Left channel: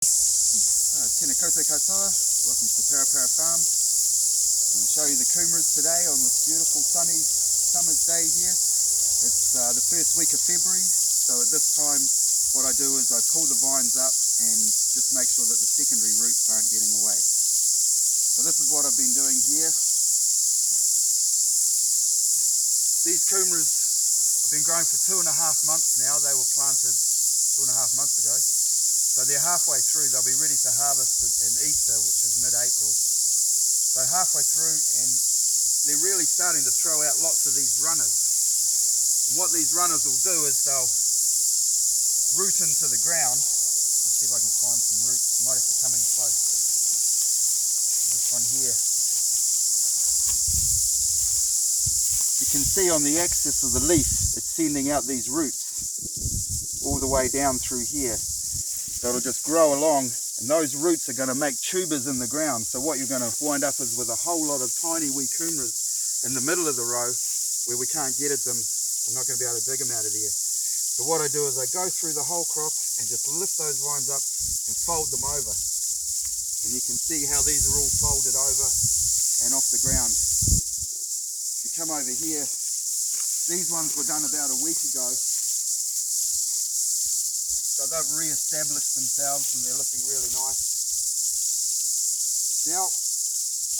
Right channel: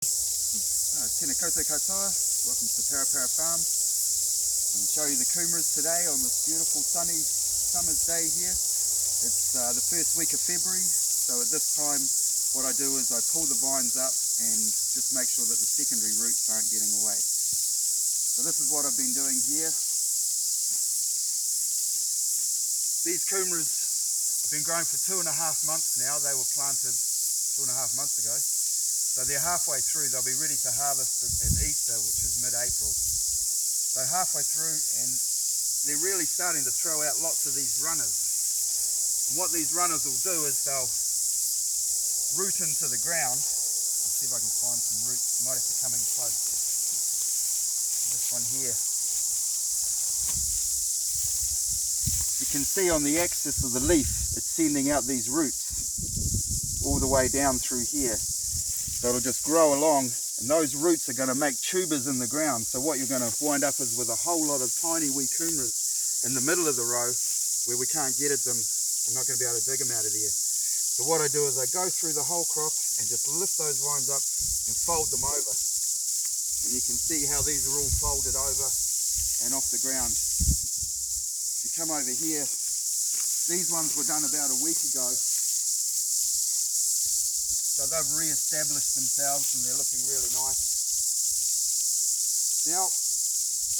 Tēnā koutou katoa, welcome to Parapara Farm. I'm going to show you the kumaras today on this beautiful sunny summer's day here. It's the first week of February, so at this time what I do is I pull the vines up and just make sure that the secondary roots aren't getting away. So this is what I've been doing here. These kumaras have been growing for 2.5 months now. They were planted 2.5 months ago. So they're halfway through. They'll be ready to harvest in Easter, which is mid-April. So halfway through, and they're really starting to throw out lots of these runners. And what these runners will do is they'll root into the ground. I'll see if I can find some roots. You might have to come in close. This one here. You can see on the axis of the leaf, it's sending out these roots all the way down through here. So it'll just grow along, and those roots are going to make tubers in the ground. So what you're going to wind up is with a whole lot of tiny wee kumaras in the middle of the row where we can't get at them. I'm not going to be able to dig them out of there. So what I do is I go through the whole crop and just lift those vines up and fold them over. And you can see how these are all folded over and off the ground. If you come over here, these ones were done about a week ago. So they've re-established themselves and they're looking really nice. Now,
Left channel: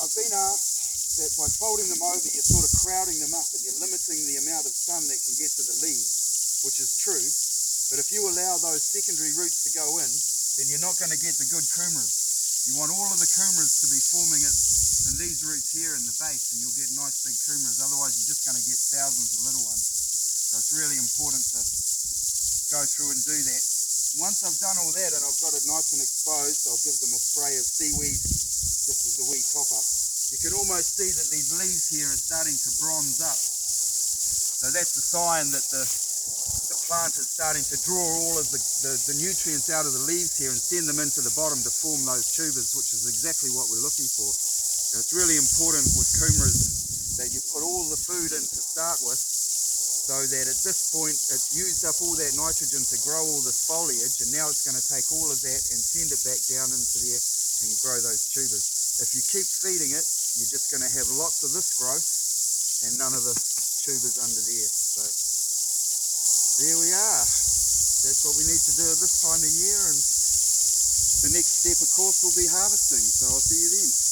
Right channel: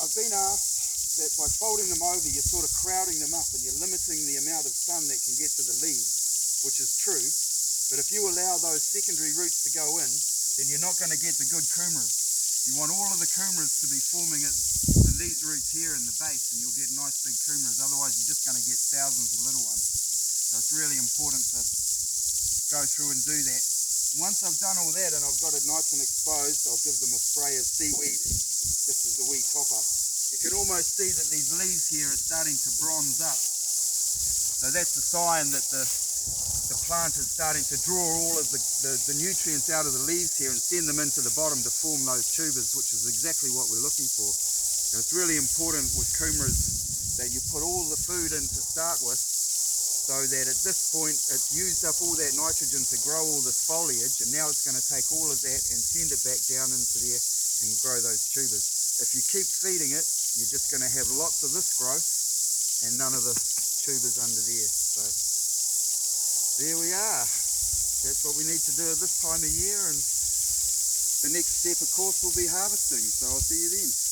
I've been asked that by folding them over, you're sort of crowding them up and you're limiting the amount of sun that can get to the leaves, which is true. But if you allow those secondary roots to go in, then you're not going to get the good kumaras. You want all of the kumaras to be forming in these roots here in the base, and you'll get nice big kumaras. Otherwise, you're just going to get thousands of little ones. So it's really important to go through and do that. Once I've done all that and I've got it nice and exposed, I'll give them a spray of seaweed just as a wee top up. You can almost see that these leaves here are starting to bronze up. So that's a sign that the plant is starting to draw all of the nutrients out of the leaves here and send them into the bottom to form those tubers, which is exactly what we're looking for. And it's really important with kumaras that you put all the food in to start with, so that at this point it's used up all that nitrogen to grow all this foliage, and now it's going to take all of that and send it back down into there and grow those tubers. If you keep feeding it, you're just going to have lots of this growth and none of the tubers under there. So there we are. That's what we need to do at this time of year, and the next step of course will be harvesting. So I'll see you then.